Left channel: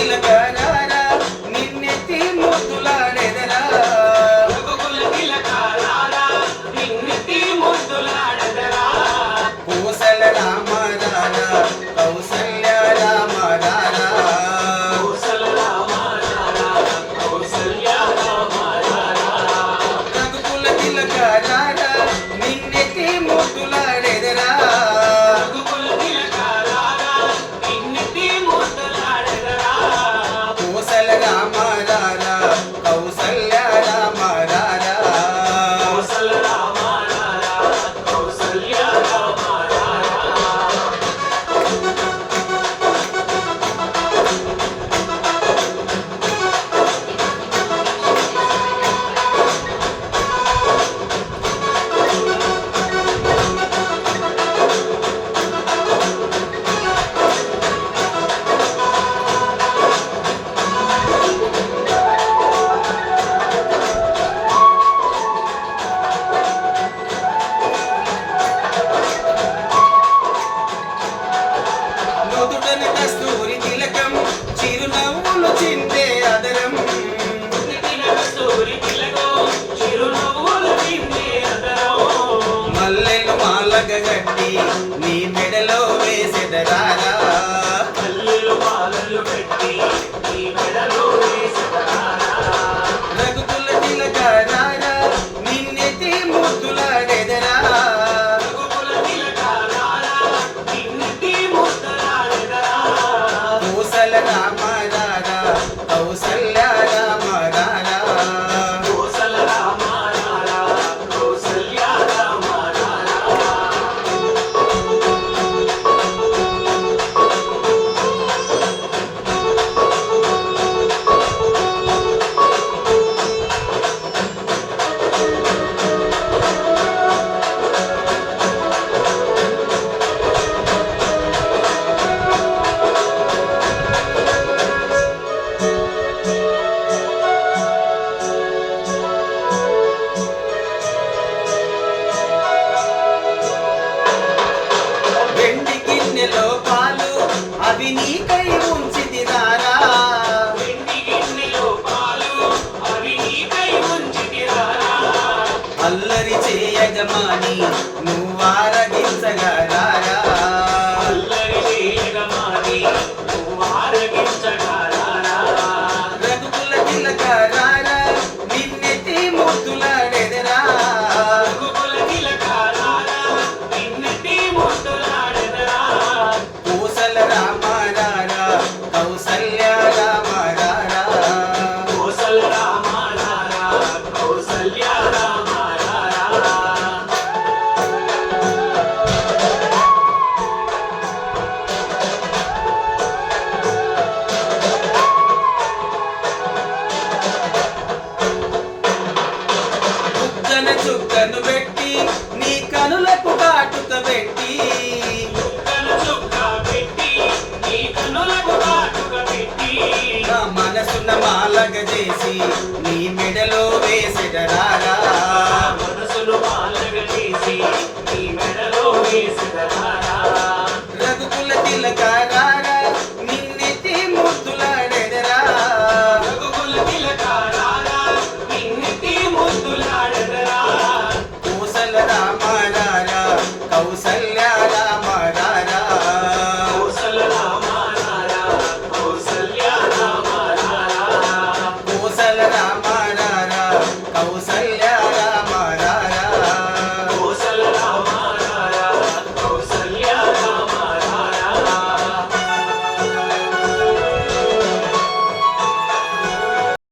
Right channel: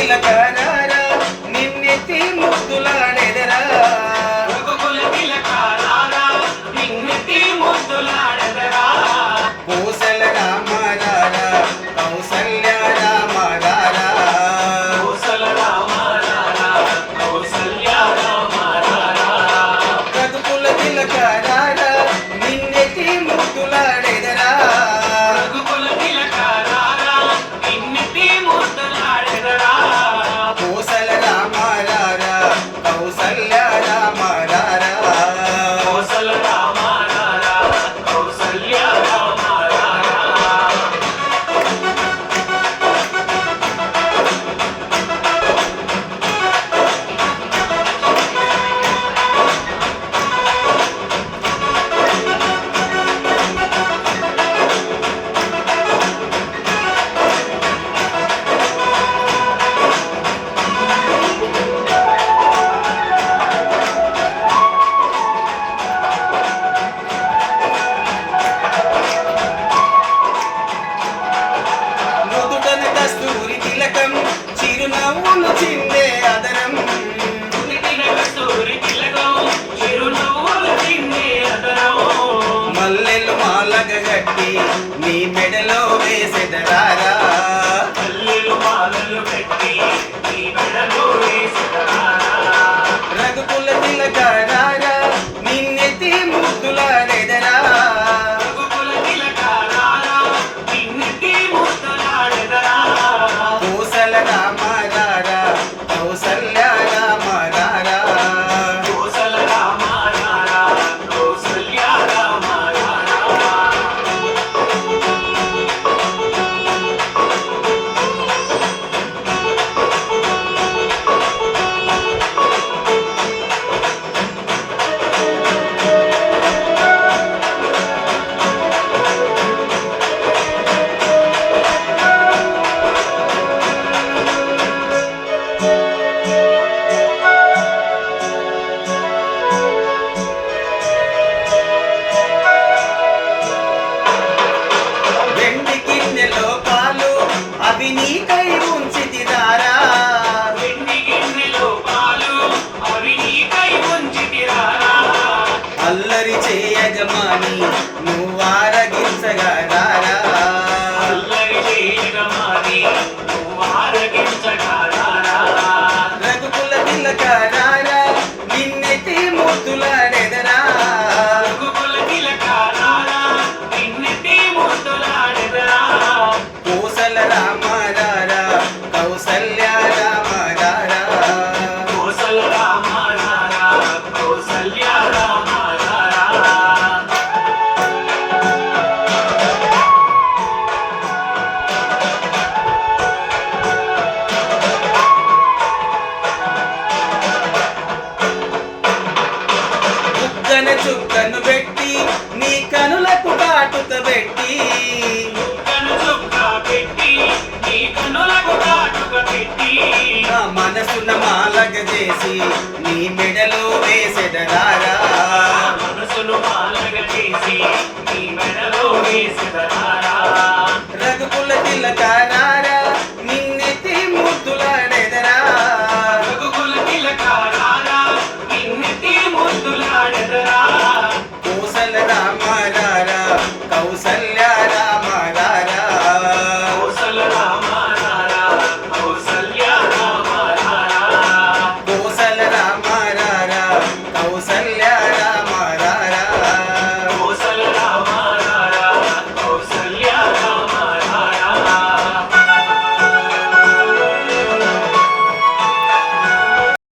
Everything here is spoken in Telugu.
తిలకారా నిన్నెత్తి ముద్దులాడెదరా రఘుకుల తిలకారా నిన్నెత్తి ముద్దులాడెదరా కోసల రామరారా కౌసల్య రామరారా కోసల రామరారా కౌసల్య రామరారా రఘుకుల తిలకారా నిన్నెత్తి ముద్దులాడెదరా రఘుకుల తిలకారా నిన్నెత్తి ముద్దులాడెదరా కోసల రామరారా కౌసల్య రామరారా కోసల రామరారా కౌసల్య రామరారా నుదుటన కస్తూరి తిలకం చిరునవ్వులు చిందే అదరం ఉదితిన కస్తూరి తిలకం చిరునవ్వులు చిందే అదరం మల్లెలు మాలగ గట్టి నీ మెడలో వేసెదరారా మల్లెలు మాలలు పెట్టి నీ మెడలో వేసెదరా రఘుకుల తిలకారా నిన్నెత్తి ముద్దులాడెదరా రఘుకుల తిలకారా నిన్నెత్తి ముద్దులాడెదరా కోసల రామరారా కౌసల్య రామరారా కోసల రామరారా కౌసల్య రామరారా వెండి గిన్నెలో పాలు అవి నీకై ఉంచితిరారా వెండి గిన్నెలో పాలు అవి నీకై ఉంచితిరారా అల్లరి చేయజమాని నువ్వారగించగరారా అల్లరి చేయగమాని నువ్వు ఆరగించగలరా రఘుకుల తిలకారా నిన్నెత్తి ముద్దులాడెదరా రఘుకుల తిలకారా నిన్నెత్తి ముద్దులాడెదరా కోసల రామరారా కౌసల్య రామరారా కోసల రామరారా కౌసల్య రామరారా చుక్కన చుక్కను పెట్టి నీ కనులకు కాటుక పెట్టి చుక్కను చుక్క పెట్టి నీ కనులకు కాటుక పెట్టి నా మనసున మాలగ చేసి